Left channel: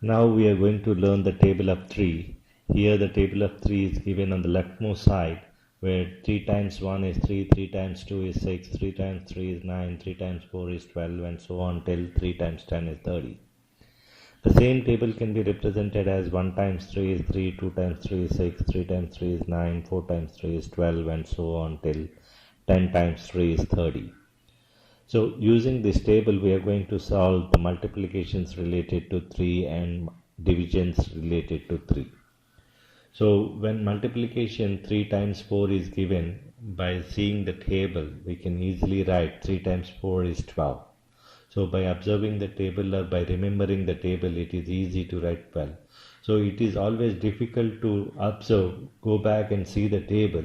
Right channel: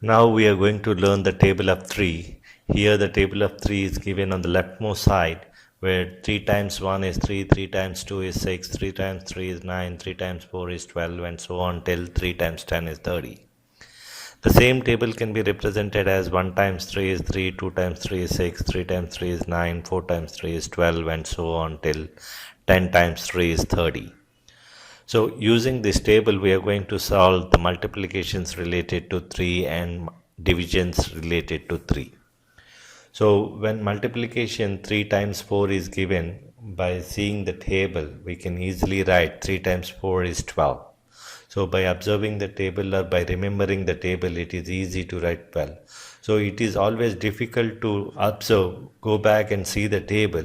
Now we are going to learn the table of 3. Here the table of 3 is given on the leftmost side, where 3 times 1 is 3, 3 times 2 is 6, 3 times 3 is 9, 3 times 4 is 12, and so on till 3 times 10 is 30. The same table can be represented as 1 times 3 is 3, 2 times 3 is 6, 3 times 3 is 9, 4 times 3 is 12, and so on till 10 times 3 is 30. So using this table, we are going to solve the multiplications related to 3 and divisions related to 3. So when multiplication 3 times 4 is given, by seeing the table, we can easily write 3 times 4 is 12. So by observing the table or by remembering the table, it is easy to write well. So it is always difficult to observe, go back and see the table.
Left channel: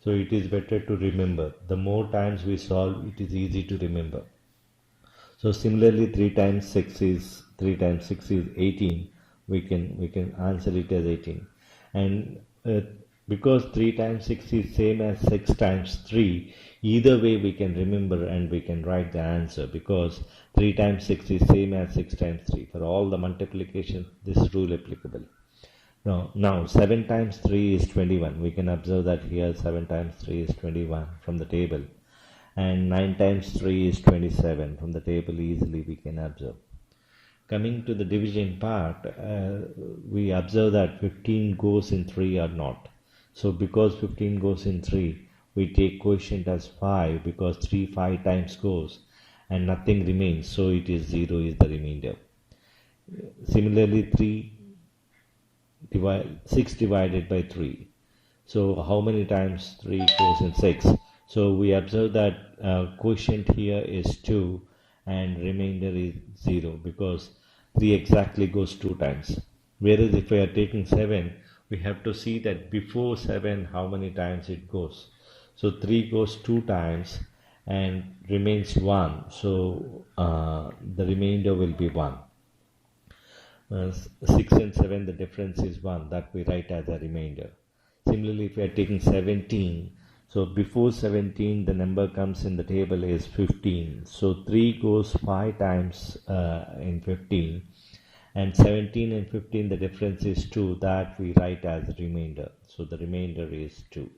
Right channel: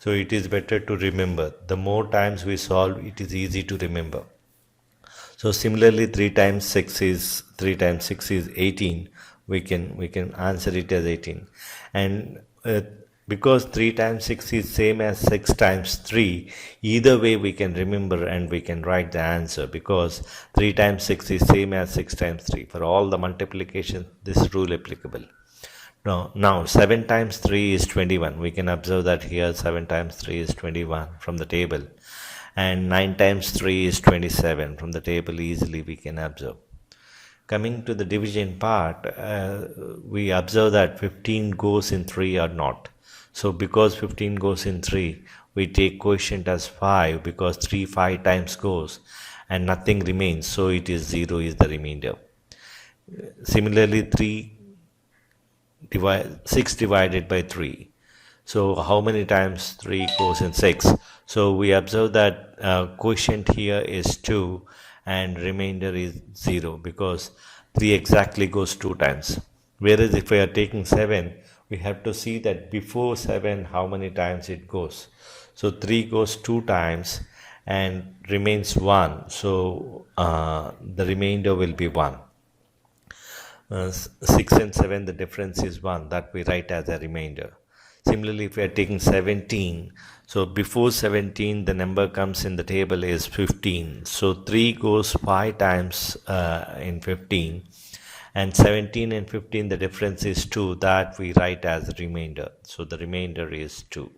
So it is better to remember. The more times we solve, it is easy to remember. So similarly, 3 times 6 is 18. We can answer it as 18. And because 3 times 6 is same as 6 times 3, either way we can remember and we can write the answer, because 3 times 6 is same as 6 times 3. For all the multiplication, this rule applicable. Now 7 times 3 is 21. We can observe that here 7 times 3 is 21 from the table. And 9 times 3 is 27. From the table easily we can observe. Coming to the division part, we observe that 15 goes in 3 or not. So because 15 goes in 3, we take quotient as 5, because 3 5 times goes and nothing remains. So it is 0 is the remainder. Similarly, 6 divided by 3. So how many times 3 goes in 6? So we observe that quotient here is 2 and remainder is 0, because 3 exactly goes 2 times. Whereas if we are taking 7, we have to see that before 7 how many times it goes. So 3 goes 2 times and remains 1. So the remainder will be 1. 6 and 7, the difference is 1, that we write as a remainder. Similarly, if we are taking 17, so before 17 the number comes in the table is 15. So 3 goes 5 times in 15, and 17 and 15 the difference is 2, that we write as a remainder. So the remainder is 2.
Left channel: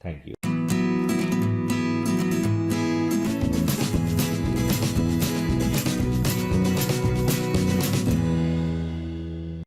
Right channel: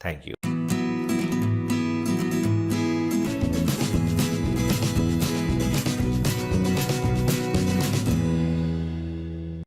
Thank you.